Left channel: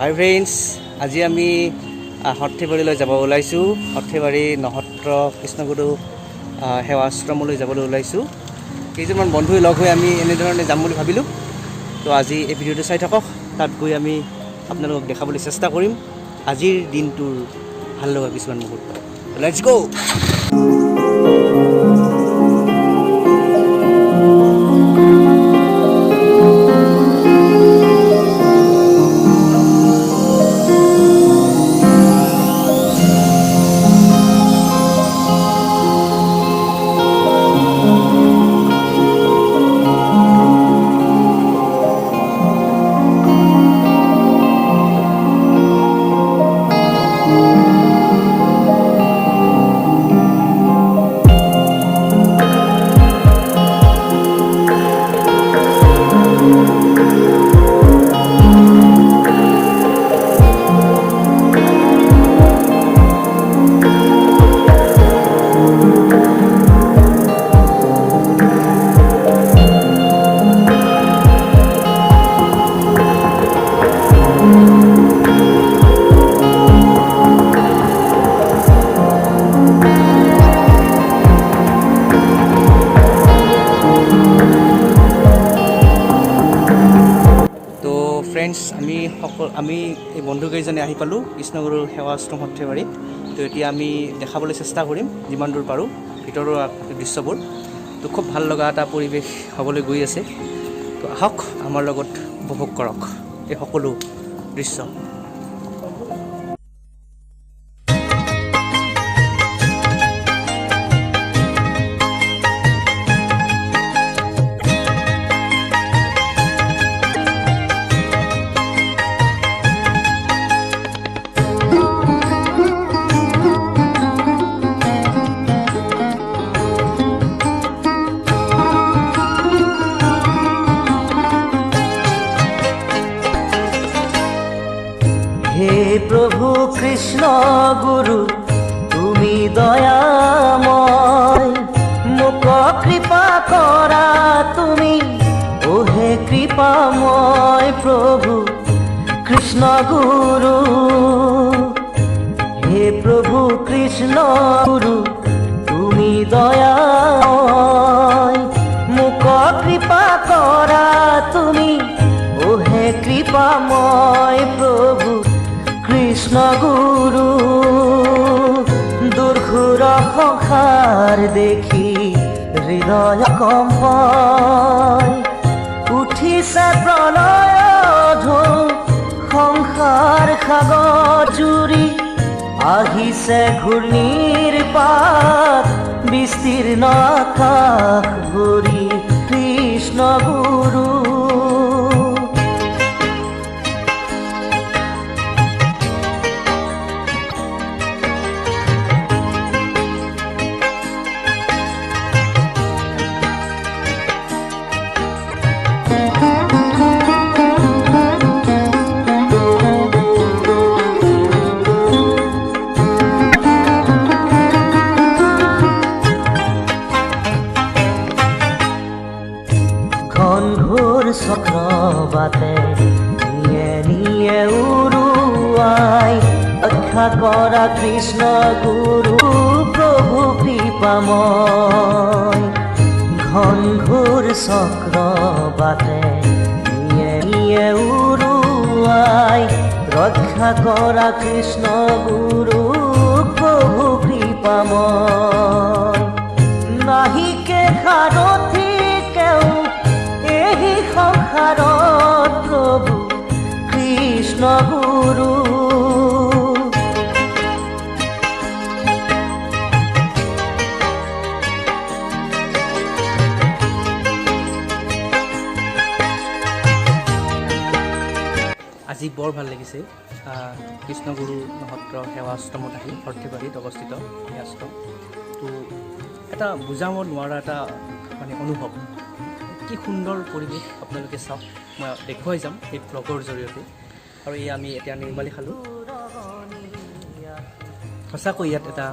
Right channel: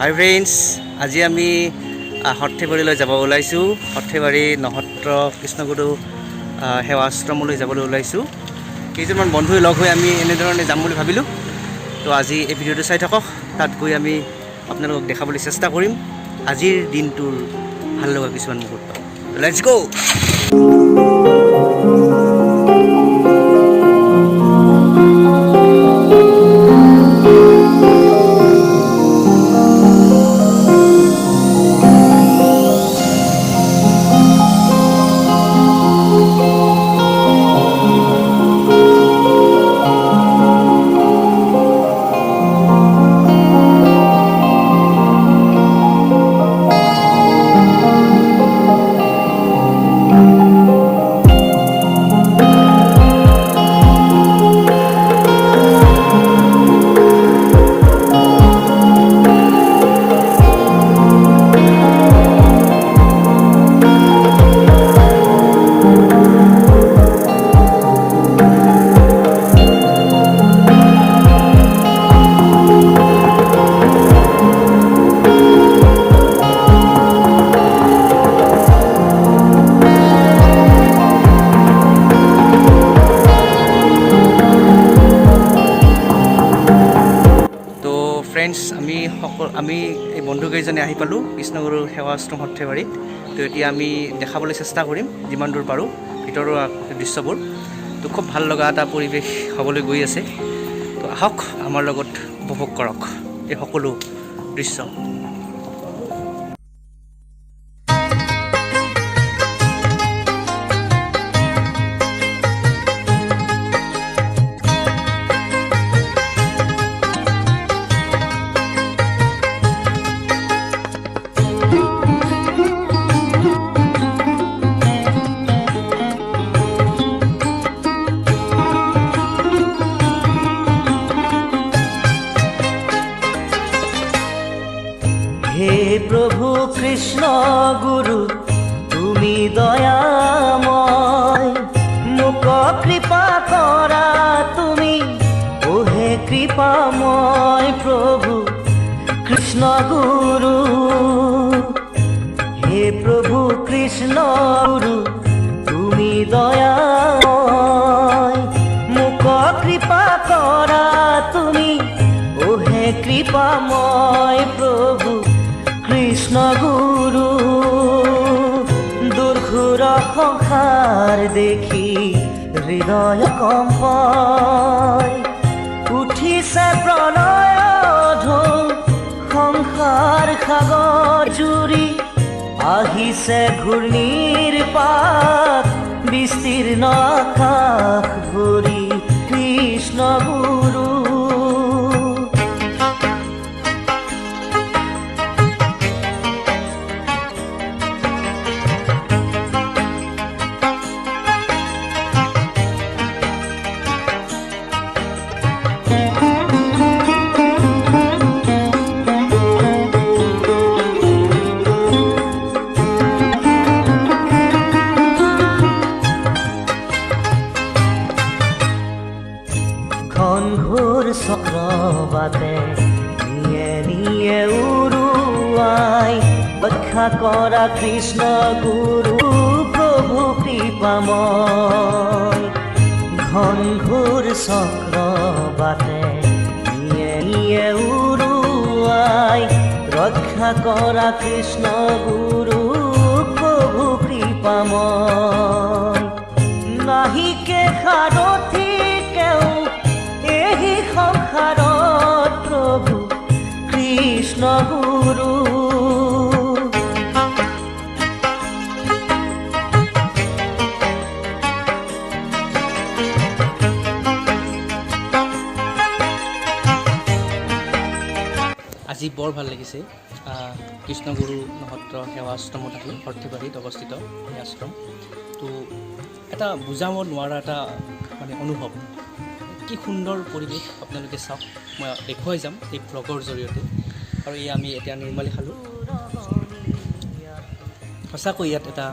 হাই friends, আজি আমি সৰ্থেবাৰীলৈ যাব ওলাইছোঁ। সৰ্থেবাৰী নহত্ৰ কৃষ্ণগুৰু সেৱাশ্ৰমলৈ যাবলৈ ওলাইছোঁ। কেইজনমান বন্ধুৱে লগ হৈ আমি এনেধৰণে যাম বুলি ভাবিলোঁ। তো আজি এই ভিডিঅ'টো চাই থাকক। তাত গৈ আমি আপোনালোকক দেখাবলৈ চেষ্টা কৰিম আজিৰ দিনটোৰ ভাল লগা কিছুমান মুহূৰ্ত। Let's go. ফ্ৰেণ্ডছ, আমি এই বন্ধুকেইজনে আহি পালোঁ কৃষ্ণগুৰু সেৱাশ্ৰম সৰ্থেবাৰীত। তো এতিয়া আমি দেখাবলৈ চেষ্টা কৰিম যিমান দূৰ পাৰোঁ ভিতৰৰ দৃশ্যবোৰ। তো খুব ভাল লগা এটা পৰিৱেশ হ'বলৈ গৈ আছে। তো আহক আমাৰ লগত উপভোগ কৰক এই সকলো দৃশ্য। হে প্ৰভু কৃষ্ণ গুৰু, তুমি দয়াময়, মোক কৃপা কৰা তুমি, ও হে কৃপাময় প্ৰভু কৃষ্ণ গুৰু। হে প্ৰভু কৃষ্ণ গুৰু, তুমি দয়াময়, মোক কৃপা কৰা তুমি, ও হে কৃপাময় প্ৰভু কৃষ্ণ গুৰু। দুৰ্ঘুৰ সংসাৰ দেখি হৃদয় কম্পাই, উঠিছে প্ৰণধ সংসাৰ সাগৰ জুৰি, আহিছে ঘূৰ্ণিৰ পাত বিস্তীৰ্ণ আকাশ ভৰি কৃষ্ণ গুৰু। ঘনঘোৰ চক্ৰবাতে নিয়ে নিয়ে উৰুৱাই, ৰক্ষা কৰা কৃষ্ণ গুৰু প্ৰভু কৃপাময়। ঘনঘোৰ চক্ৰবাতে নিয়ে নিয়ে উৰুৱাই, ৰক্ষা কৰা কৃষ্ণ গুৰু প্ৰভু কৃপাময়। নাহিকে সাৰথি তেওঁ এই সংসাৰত প্ৰভু কৃষ্ণ গুৰু। আজি বৰ ভাল লাগিছে কৃষ্ণগুৰু নহত্ৰ সেৱাশ্ৰমত আহি। সৰ্থেবাৰীত অৱস্থিত এই আশ্ৰম। তো এটা বুজাব নোৱাৰা এটা অনুভৱ। কি সুন্দৰ পৰিৱেশ আপোনালোকে চাওক, মই দেখুৱাই যাম এই ব্লগৰ জৰিয়তে। আৰু এই আমি এতিয়া নিৰ্মালি খালোঁ। সঁচাকৈ ইয়াত এটা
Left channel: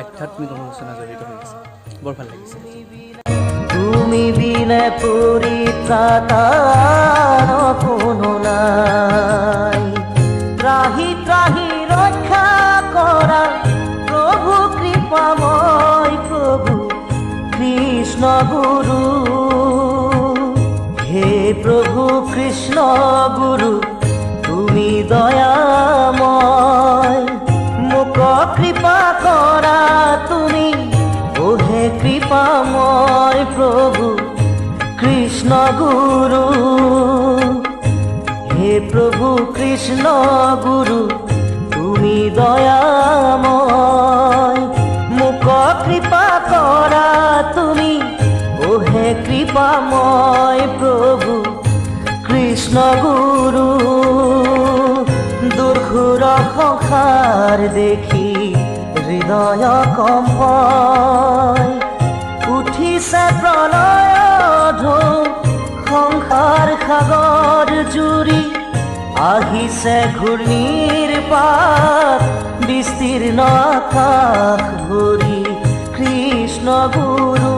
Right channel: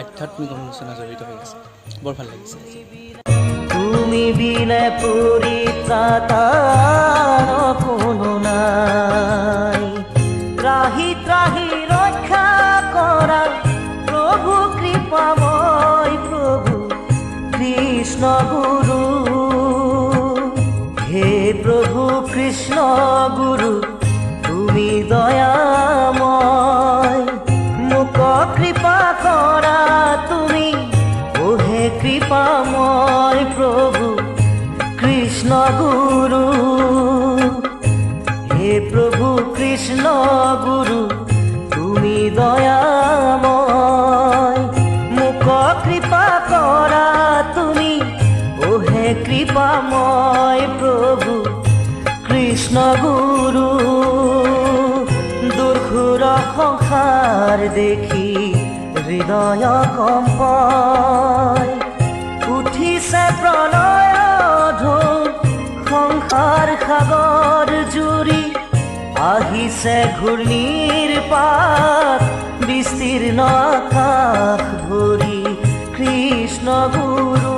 আধ্যাত্মিক অনুশোচনা জড়িত হৈ আছে। বৰ ভাল লাগিছে আজি। তুমি বিনে পৰিত্ৰাতা কোনো নাই, হে প্ৰভু কৃষ্ণ গুৰু তুমি দয়াময় মোক কৃপা কৰা তুমি হে কৃপাময় প্ৰভু কৃষ্ণ গুৰু হে প্ৰভু কৃষ্ণ গুৰু তুমি দয়াময় মোক কৃপা কৰা তুমি হে কৃপাময় প্ৰভু কৃষ্ণ গুৰু দুৰ্ঘুৰ সংসাৰ দেখি হৃদয় কম্পায় উঠিছে প্ৰলয় সংসাৰ সাগৰ জুৰি আহিছে ঘূৰ্ণিৰ পাত বিস্তীৰ্ণ আকাশ ভৰি কৃষ্ণ গুৰু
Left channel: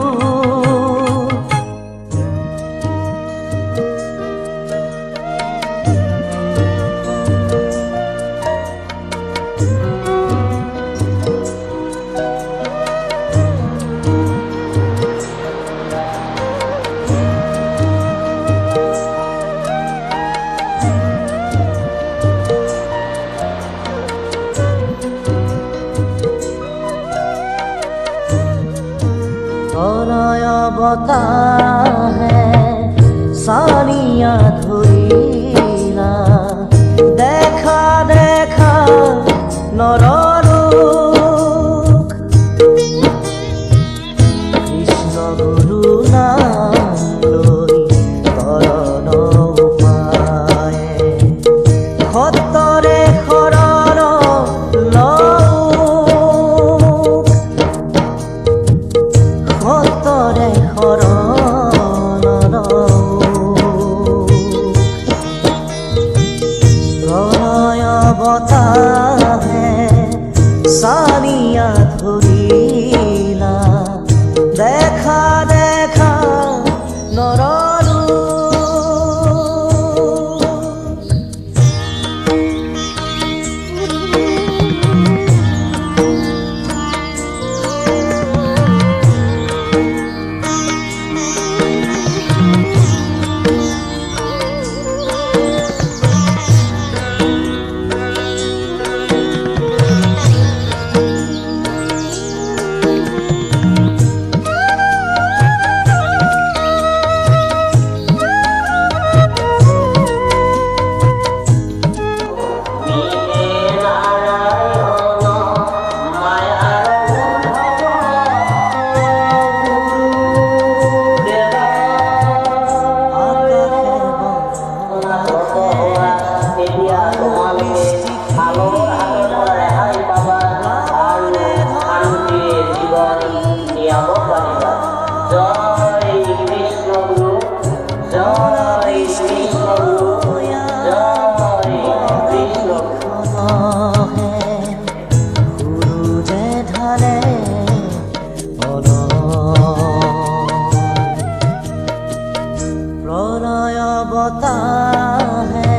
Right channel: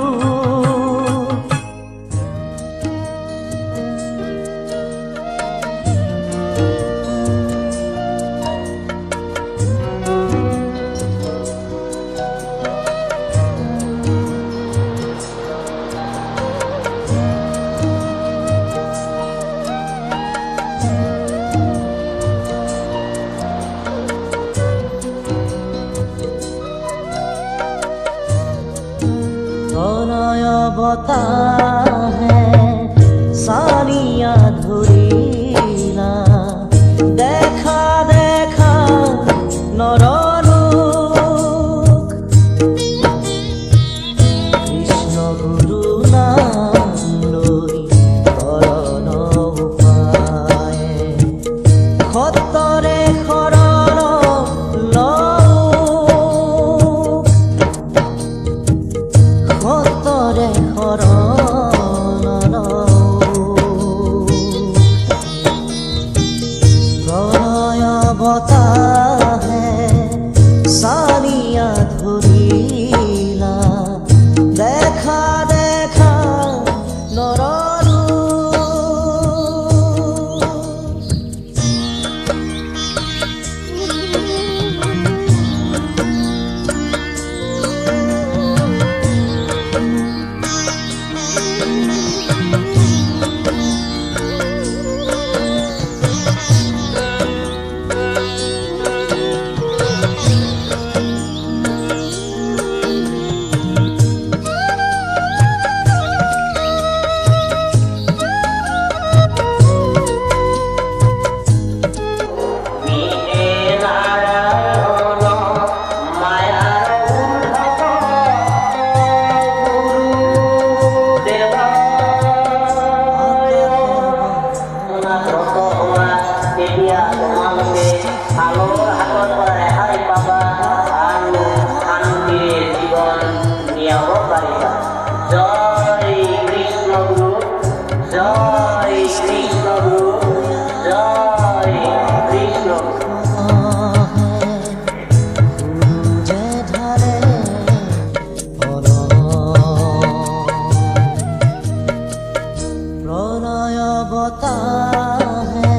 प्रलय बताहे सानिया धुरीला देखा देखा नरलोक কৃষ্ণ গুৰু নাম লৈ কৰণ উপায় সত্যৰে শৰণ সত্যৰে শৰণ প্ৰলয় বতাহে সানিয়া ধৰিলা দেখা দেখা নৰৰূপ प्रलय बताहे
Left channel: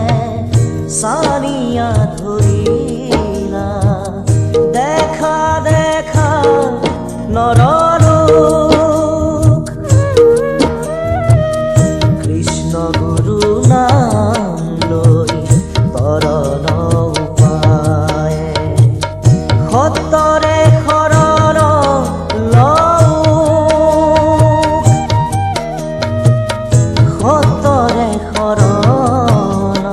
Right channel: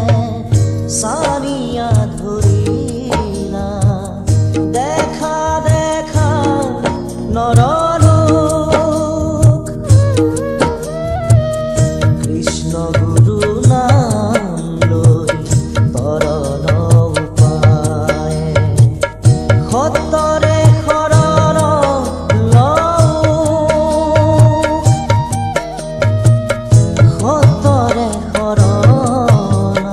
सानिया धरिला देखा देखा नरलोक কৃষ্ণ গুৰু নাম লৈ তৰণ উপায় সত্যৰে শৰণ সত্যৰে শৰণ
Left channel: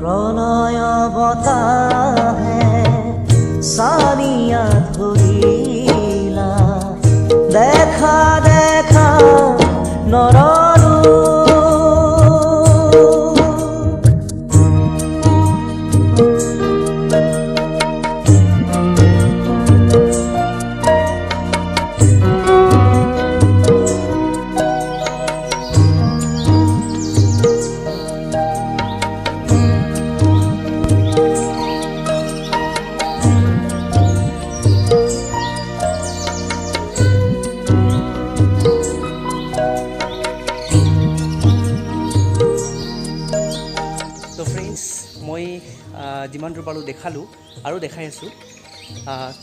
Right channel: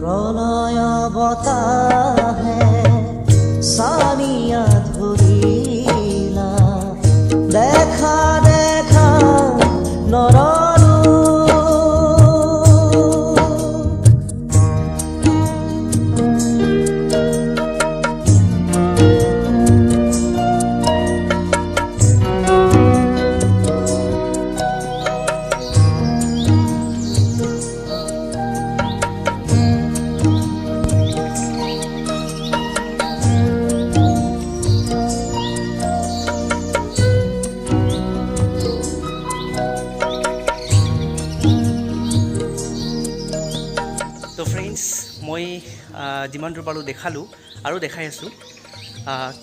প্ৰলয় বতাহে সানিয়া ধৰিলা দেখা দেখা নৰৰূপ তো ফ্ৰেণ্ডছ মই যিমান দূৰ পালোঁ দেখালোঁ আৰু দেখাই আছোঁ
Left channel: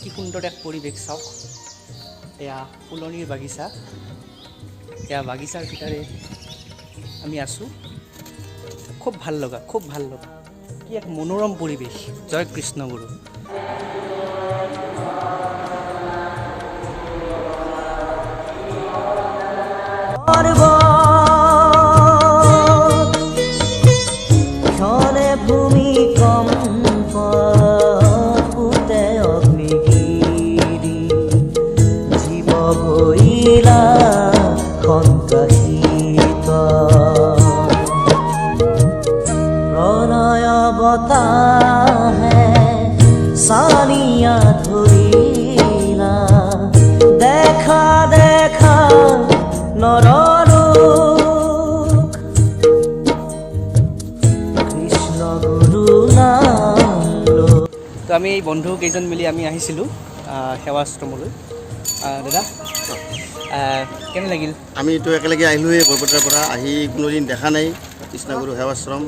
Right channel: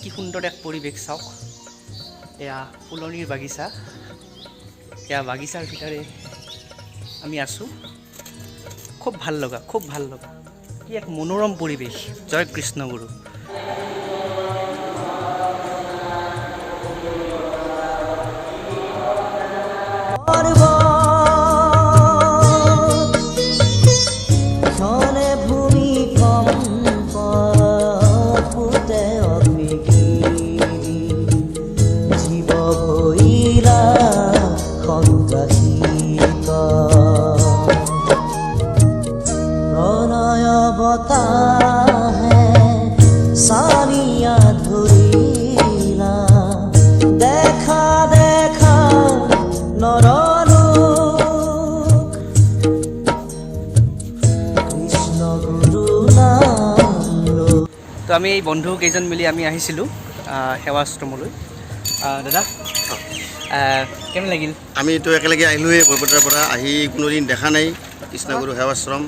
কি সুন্দৰ এক পৰিৱেশ চাওক এয়া ফুলনিৰ বাগিচা, এয়া বাগিচাৰ ভিতৰে আমি আছোঁ। খুব ভাল লগা, খুব ভাল লগা, কি এক মনোৰম পৰিৱেশ। জয় কৃষ্ণগুৰু। ক্ষণে ভূমিকম্প ফুটে অগ্নিগিৰি, জীৱ ভৈলা সন্ত্ৰাসিত, প্ৰণয় বতাহে চানিয়া ধৰিলা, দেখা দেখা নৰলো কৃষ্ণ গুৰু নাম লো। তো আমি এই বন্ধু কেইজন মিলি আমি আহিছিলোঁ সেৱাশ্ৰমলৈ। দাদা কেনে লাগিল? আমিতো একেলগে আহিলোঁৱেই বৰপেটাৰ পৰা, আহি কোনোদিন দেখা নাই কৃষ্ণগুৰু সেৱাশ্ৰম।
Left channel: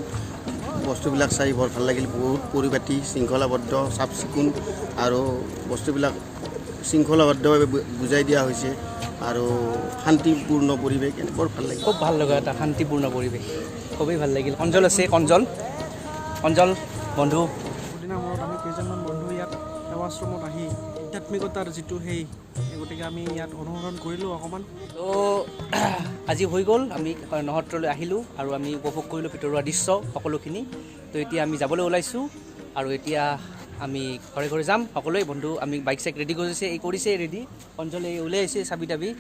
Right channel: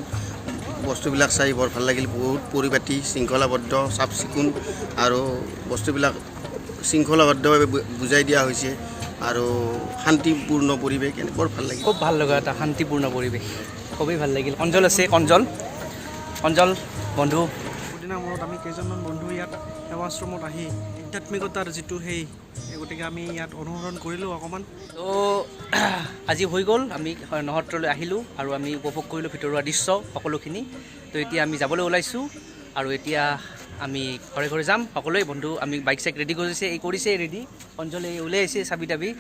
বস্তুবিলাক চাই বৰ ভাল লাগিল, বহুত পৰিপাটি, শৃংখলাবদ্ধ, চাফ চিকুণ, আৰু বস্তুবিলাক শৃংখলাবদ্ধভাৱে বুজাই দিয়া হৈছে, আৰু শান্তিপূৰ্ণ পৰিৱেশ, এনে বৰ ভাল লাগিল। খুব ভাল লগা এটা শান্তিপূৰ্ণ পৰিৱেশ, খুবেই ভাল লাগিল। অঞ্জল আছে, অঞ্জল বন্ধু। বহুদিনৰ মূৰত আমি কেইজনমান বন্ধু ইয়াত সেৱাশ্ৰমত আহি আধ্যাত্মিকতাৰ যিটো গতিকে আমি ইয়াত অনুসৰণ কৰিলোঁ অকণমান। তো আজি হৈ গ'ল, আমি নহত্ৰলৈ আহিলোঁ আৰু আমি উপভোগ কৰিলোঁ ভিতৰুৱা দৃশ্য সকলোখিনি। তো এতিয়া আমি যাবলৈ ওলাইছোঁ, আৰু এতিয়া আমি ঘৰে ঘৰে যাম সকলোৱে। বন্ধু আমি বাইক চাইক ৰেডি কৰিছে ৰেডি, অঞ্জলে ওলাই আহিছে চাবি তাবি।